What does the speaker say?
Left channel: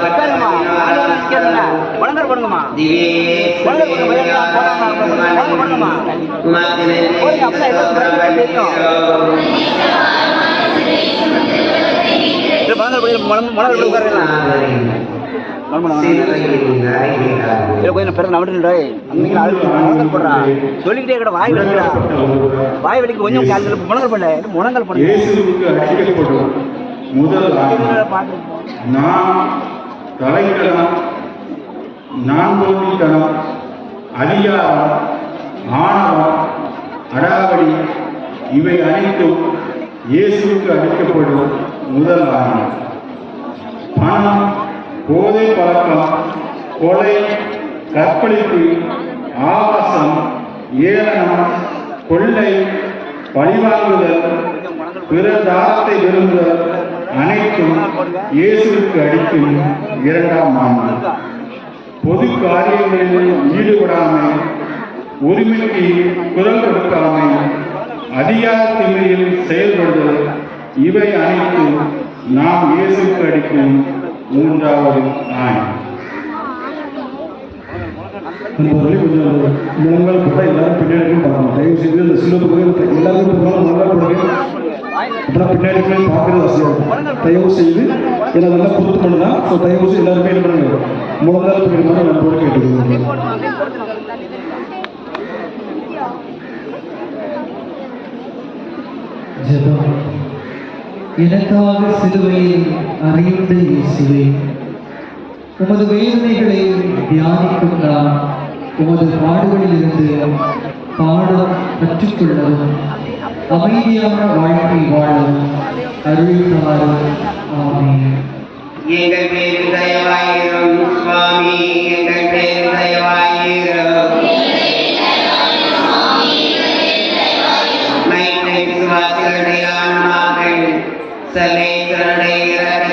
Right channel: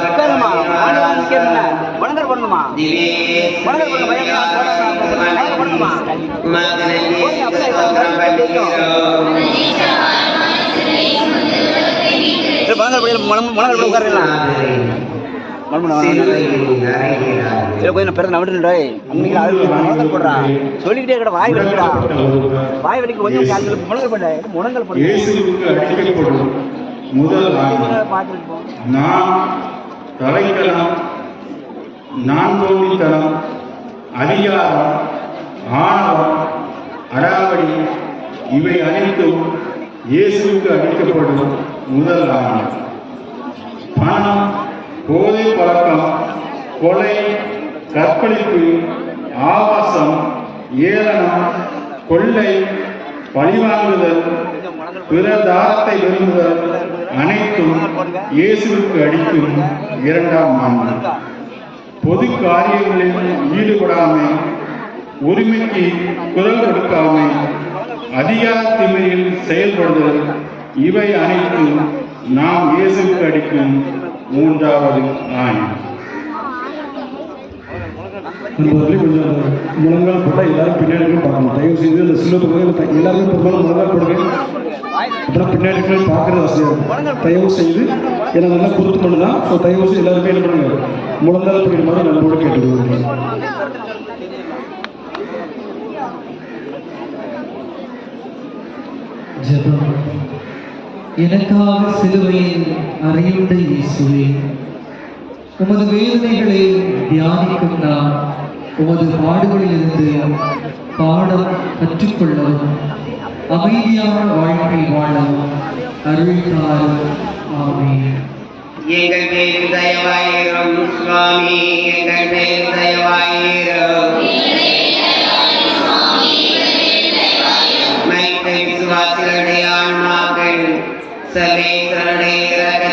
நிக்கிறீங்களா? முழங்கால் போடுங்கம்மா. முழங்கால் போடுங்க, பையன். போடுங்க, தெரியும். உட்காருங்க. மறுமணம் போய் போடுறா. சொல்லிக்கிட்டே கூட வாய் வலிக்கிறா. வாய் வலிக்கு கொஞ்சம் முழங்கால் பண்ண. முழங்கால் பண்ண. பார்த்துருப்போம் நான் கலைக்கலம் அதிகாரம் ஆணவம் அடாவடி இவை அனைத்தும் இயேசுவுக்கு அளிக்கப்படும் முதல் ஆணவம் பணம் போதை பழக்கம் கொலை கற்பழிப்பு ஆபாசம் ஏளனம் கொள்ளை பழிவாங்குதல் பிற தாரத்தை விரும்புதல் அனைத்தும் இயேசுவுக்கு அடிக்கும் இரண்டாம் ஆண்டு. பொது காரியங்களில் ஈடுபடாமை உரிமைக்கு குரல் கொடுக்காமை அதிகார செயல்படுதல் இவை அனைத்தும் நாம் இயேசுவுக்கு அடிக்கும் மூன்றாவது ஆண் நண்பர்களே கொஞ்சம் முழங்கால் போட்டால் எல்லாரும் பின்னாடி பார்க்கணும் தயவு செய்து இந்த சிலர் கோயில் எல்லாரும் பெரும்பாலும் அப்புறம் பின்னாடி பார்க்குற விஷயம் தயவு செய்து ஏன்னா நல்லா பொறுத்து பண்ணலாம் ஸோ தயவு செய்து எல்லாருமே என்ன பண்ணுங்க? முழங்கால் போயிடுமாறு நம்மளோட கேட்டுக்கொள்கிறேன் ஜபம். எனக்காக சிலுவையில் அறையுண்ட இயேசுவே. உமது வேதனைகளை தியானிக்கும் நான் உமது பாடுகளிலிருந்து பாடம் கற்றுக்கொள்ளவும். அமைதியான வாழ்க்கை வாழும் அருள்தாரும் எங்கள் பேர் தயவாயிரும் சுவாமி எங்கள் பேர் தயவாயிரும் மைத்தை விசுவாசிகளுடைய ஆன்மாக்கள் சலே இரக்கத்தினால் நித்திய